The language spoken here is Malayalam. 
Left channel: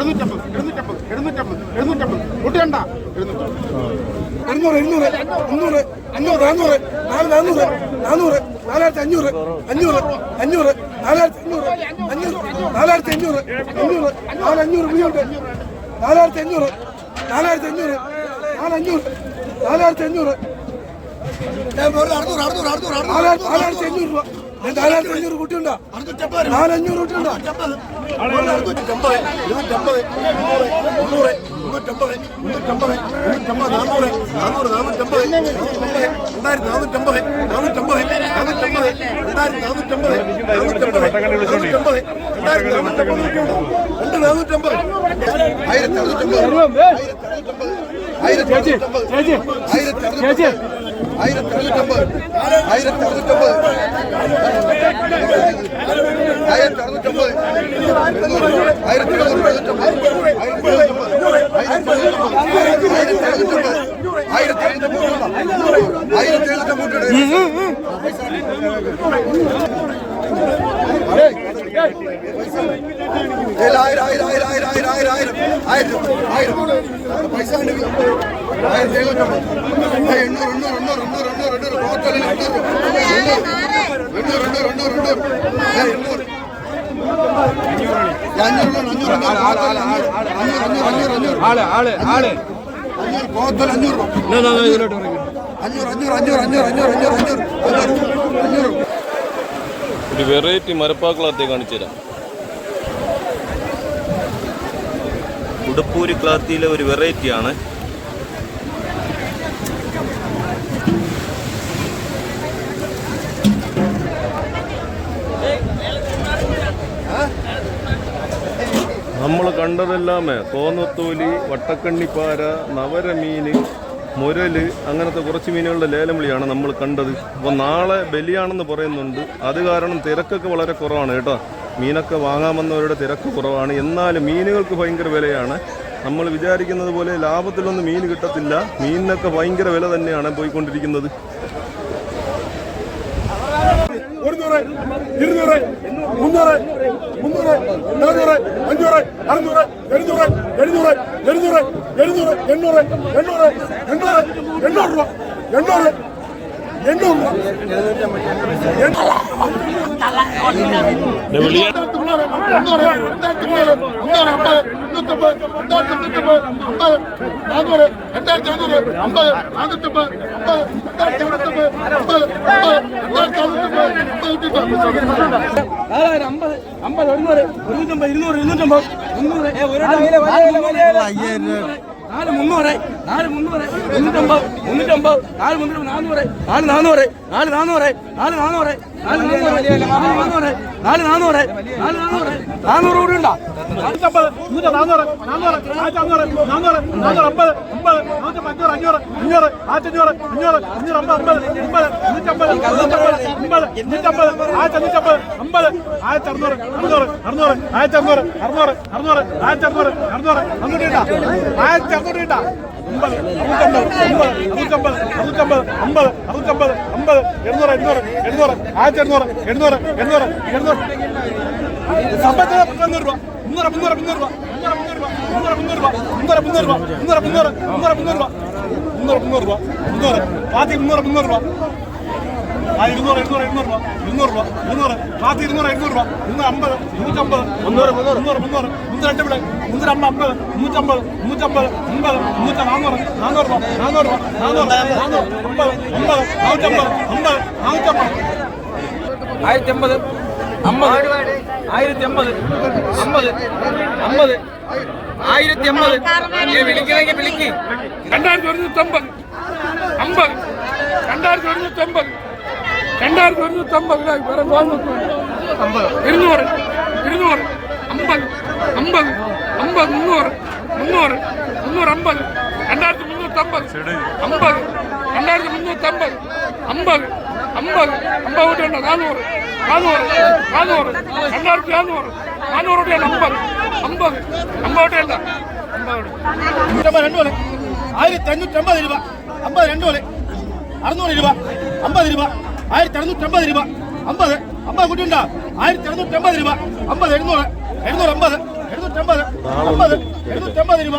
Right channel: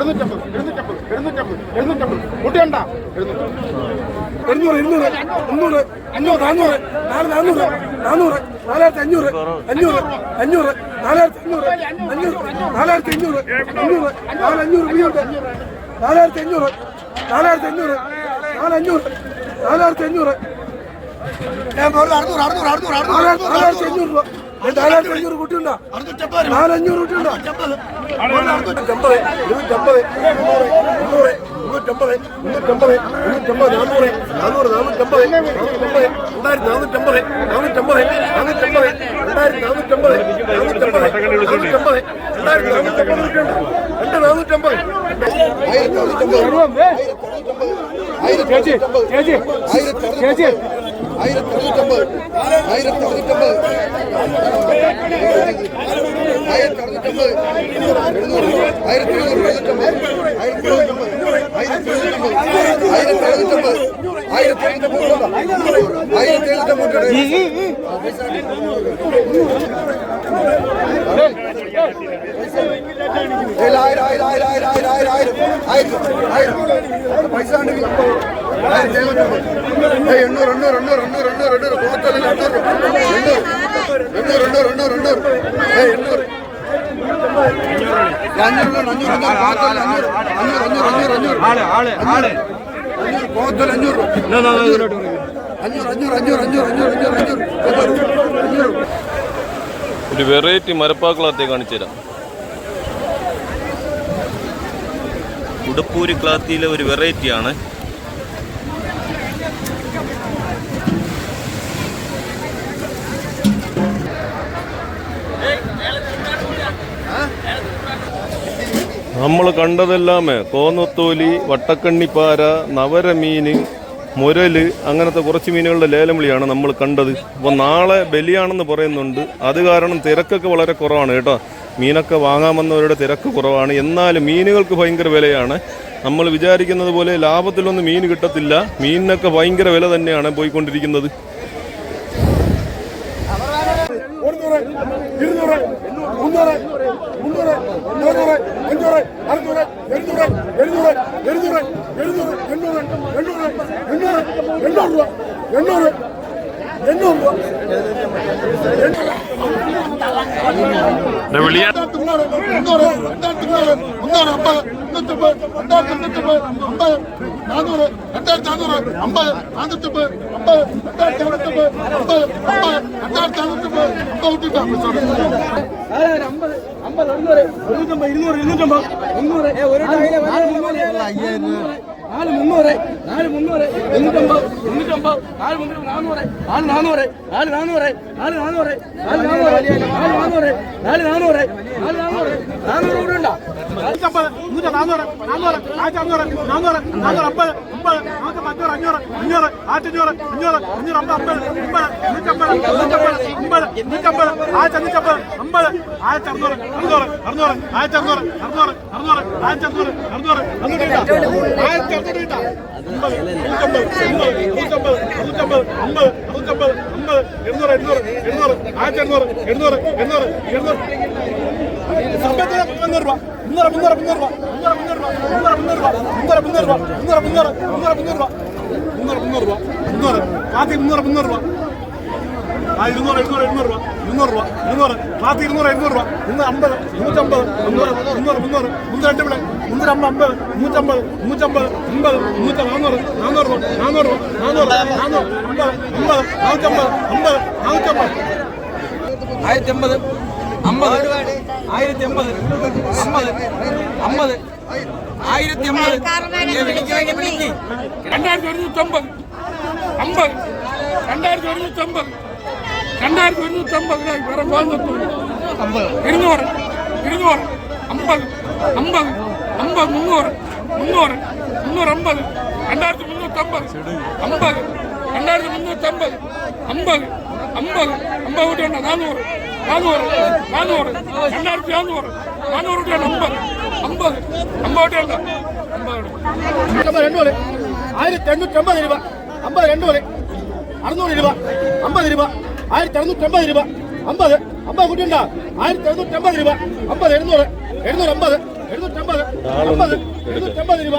എഴുന്നൂറ്റമ്പത് എഴുന്നൂറ്റമ്പത് എഴുന്നൂറ്റമ്പത് എഴുന്നൂറ്റമ്പത്. കൂട്ടിയണ്ട എഴുന്നൂറ് എഴുന്നൂറ് മുന്നൂറ് അഞ്ഞൂറ് നാന്നൂറ് നാല് നാന്നൂറ് നാന്നൂറ് നാലായിരത്തി അഞ്ഞൂറ് അഞ്ഞൂറ് അഞ്ഞൂറ് നാലായിരത്തി അഞ്ഞൂറ് നാലായിരത്തി അഞ്ഞൂറ് അഞ്ഞൂറ് നാല് അഞ്ഞൂറ് നാലായിരത്തി അഞ്ഞൂറ് നാലായിരത്തി അഞ്ഞൂറ് നാല് അഞ്ഞൂറ് നാലായിരത്തി അഞ്ഞൂറ് നാലായിരത്തി അഞ്ഞൂറ് കുട്ടിയുണ്ടോ നാലഞ്ഞൂറ് കുട്ടിയുണ്ടോ ഇരുന്നൂറ്റമ്പത് ഇരുന്നൂറ്റമ്പത് മുന്നൂറ് മുന്നൂറ്റമ്പത് മുന്നൂറ്റമ്പത് മുന്നൂറ്റമ്പത് നാന്നൂറ് നാന്നൂറ് നാനൂറ്റമ്പത് നാനൂറ്റമ്പത് രണ്ടായിരത്തി നാനൂറ്റമ്പത് നാനൂറ്റമ്പത് നാനൂറ്റമ്പത് രണ്ടായിരത്തി നാനൂറ്റമ്പത് നാനൂറ്റമ്പത് നാനൂറ്റമ്പത് രണ്ടായിരത്തി നാനൂറ്റമ്പത് രണ്ട് നാനൂറ്റമ്പത് ചേച്ചി ചേച്ചി ചേച്ചി ആയിരത്തി അറുന്നൂറ്റമ്പത് ആയിരത്തി അറുന്നൂറ്റമ്പത് ആയിരം ആയിരം ആയിരം ആയിരം ആയിരം ആയിരം ആയിരം ആയിരം ആയിരം പൈസ ഉണ്ട് ആയിരത്തി എഴുന്നൂറ്റമ്പത് എണ്ണൂറ് എണ്ണൂറ് എണ്ണൂറ് എണ്ണൂറ് എണ്ണൂറ് എണ്ണൂറ് കോട്ടല്ല എണ്ണൂറ് എണ്ണൂറ് എണ്ണൂറ് എണ്ണൂറ് എണ്ണൂറ് ആൾ ആൾ ആൾ അഞ്ഞൂറ് അഞ്ഞൂറ് അഞ്ഞൂറ് അഞ്ഞൂറ് അഞ്ഞൂറ് അഞ്ഞൂറ് അഞ്ഞൂറ് അഞ്ഞൂറ് അഞ്ഞൂറ് ഒരു വെറൈറ്റി മരപ്പാക്കളത്തെ കാണിച്ചു തരാം ഉടുപ്പൂരി ക്ലാത്തിയിലെ ഒരു വെറൈറ്റിയാണ് നമ്മൾ കണ്ടതെല്ലാമേ കോന്നത്തോലി വട്ടക്കണ്ണിപ്പാര നവരമീന് മുരൽ അങ്ങനത്തെ കുറച്ച് മീനുകളുടെ ലേലം വിളിയാണ് നമ്മൾ കണ്ടത്. അപ്പോൾ നാളെ ബലിയാണെന്ന് പറയുന്നുണ്ട്. അത് കാരണം തിരക്കൊക്കെ വളരെ കുറവാണ് കേട്ടോ. മീനൊക്കെ വാങ്ങാമെന്നവരുടെ തിരക്ക് കുറവാണ്. എന്നാലും മീനുകൾക്ക് ഭയങ്കര വിലയാണ്. നമ്മൾ വിചാരിക്കുന്നത് പോലെ ലാഭത്തിലൊന്നും മീൻ കിട്ടത്തില്ല. മീനിനൊക്കെ ഭയങ്കര വില തന്നെയാണ് പോയിക്കൊണ്ടിരിക്കുന്നത്. ഒരുന്നൂറ് ഇരുന്നൂറ് മുന്നൂറ് മുന്നൂറ് നാനൂറ് അഞ്ഞൂറ് അറുന്നൂറ് എഴുന്നൂറ് എഴുന്നൂറ് എഴുന്നൂറ് എഴുന്നൂറ് എണ്ണൂറ് എണ്ണൂറ് എണ്ണൂറ് എണ്ണൂറ് രൂപ എണ്ണൂറ് നാനൂറ് രണ്ടായിരത്തി നാനൂറ് അമ്പത് നാനൂറ്റമ്പത് അമ്പത് രണ്ടായിരത്തി അമ്പത് അമ്പത് രണ്ടായിരത്തി അമ്പത് നാല് മുന്നൂറ് നാല് മുന്നൂറ് മുന്നൂറ്റമ്പത് മുന്നൂറ്റമ്പത് നാല് മുന്നൂറ് നാന്നൂറ് നാല് നാന്നൂറ് നാല് നാന്നൂറ് നാല് നാന്നൂറ് നാല് നാന്നൂറ് നാല് നാന്നൂറ് നാല് നാന്നൂറ് നാല് നാന്നൂറ് നാന്നൂറ് കൂടി ഉണ്ടോ നൂറ്റമ്പത് നൂറ്റ നാന്നൂറ് നാന്നൂറ് ആയിരത്തി അഞ്ഞൂറ് നാന്നൂറ് നാന്നൂറ് അമ്പത് അമ്പത് നൂറ്റമ്പത് അഞ്ഞൂറ് അഞ്ഞൂറ് അഞ്ഞൂറ് ആയിരത്തി അഞ്ഞൂറ് അഞ്ഞൂറ് അമ്പത് അമ്പത് അമ്പത് നൂറ്റമ്പത് അമ്പത് നൂറ്റമ്പത് ആയിരത്തി അഞ്ഞൂറ്റമ്പത് അമ്പത് ആയിരത്തി അറുന്നൂറ് അറുന്നൂറ് അറുന്നൂറ് ആയിരത്തി അറുന്നൂറ് അറുന്നൂറ് അറുന്നൂറ് ആയിരത്തി അറുന്നൂറ് അറുന്നൂറ് അറുന്നൂറ് ആയിരത്തി അറുന്നൂറ് ഇട്ടാ ஐம்பது நூற்றம்பது நூற்றம்பது ஐம்பது நூற்றம்பது ஐம்பது எண்ணூறு எண்ணூறு எண்ணூறு ஆயிரத்தி எண்ணூறு எண்ணூறு எண்ணூறு எண்ணூறு. சம்பளத்தில் முந்நூறு ரூபா முந்நூறு முந்நூறு முந்நூறு ரூபா முந்நூறு முந்நூறு ரூபா முந்நூறு முந்நூறு ரூபா. முந்நூறு முந்நூறு ரூபா முந்நூறு முந்நூறு ரூபா. முந்நூறு முந்நூறு முந்நூறு ரூபா. ആ ഇരുന്നൂറ് ഇരുന്നൂറ് ഇരുന്നൂറ് രൂപ ഇരുന്നൂറ് രൂപ ഇരുന്നൂറ്. ബാക്കി ഇരുന്നൂറ് ഇരുന്നൂറ് രൂപ. ഇന്ന് അമ്പത് മുന്നൂറ്റമ്പത് മുന്നൂറ് മുന്നൂറ് മുന്നൂറ് മുന്നൂറ്റി മുന്നൂറ് രണ്ട് ഇവിടെ മുന്നൂറ് അമ്പത് മുന്നൂറ്റമ്പത് മുന്നൂറ്റമ്പത് അമ്പത് മുന്നൂറ്റ നാന്നൂറ് നാന്നൂറ് രൂപ നാന്നൂറ് രൂപ നാന്നൂറ് നാന്നൂറ് അമ്പത് നാനൂറ്റമ്പത് അമ്പത് നാനൂറ്റമ്പത് ആയിരത്തി അമ്പത് ആയിരത്തി അമ്പത് അമ്പത് അമ്പത് ആയിരത്തി അമ്പത് വിളിക്കില്ലെങ്കിൽ വിളിക്ക്. രണ്ടായിരത്തി ഒരുന്നൂറ്റമ്പത് അമ്പത് രണ്ടായിരത്തി ഒരുന്നൂറ്റമ്പത്. രണ്ടായിരത്തി രൂപ ഇവിടെ കോന്നത്തൂർ ഇരുന്നൂറ്. ഇരുന്നൂറ്. അമ്പത്. അമ്പത്. അമ്പത്. മുന്നൂറ്. മുന്നൂറ്. മുന്നൂറ് അമ്പത്. രണ്ടായിരത്തി മുന്നൂറ്റി അമ്പത്. രണ്ടായിരത്തി മുന്നൂറ്റി അമ്പത്. അമ്പത്. അമ്പത് കൂട്ടിയുണ്ട് നാനൂറ്. നാനൂറ്. നാനൂറ്. രണ്ടായിരത്തി നാനൂറ്. നാനൂറ് കൂട്ടിയുണ്ട് അമ്പത്. അമ്പത്. അമ്പത് കൂട്ടിയുണ്ട് അമ്പത് രണ്ട് ആയിരത്തി അഞ്ഞൂറ്റി അമ്പത് രൂപ. അമ്പത് രണ്ട് അറുന്നൂറ് രൂപ. അമ്പത് രൂപ. ആയിരത്തി അറുന്നൂറ്റി അമ്പത് രൂപ. അമ്പത്. അമ്പത് കുട്ടിയുണ്ടോ? ആയിരത്തി എഴുന്നൂറ്റി അമ്പത് രൂപ അമ്പത്. എഴുന്നൂറ് എഴുന്നൂറ് അമ്പത്. എഴുന്നൂറ്റമ്പത് എടുക്കാൻ എഴുന്നൂറ്റമ്പത് രൂപ.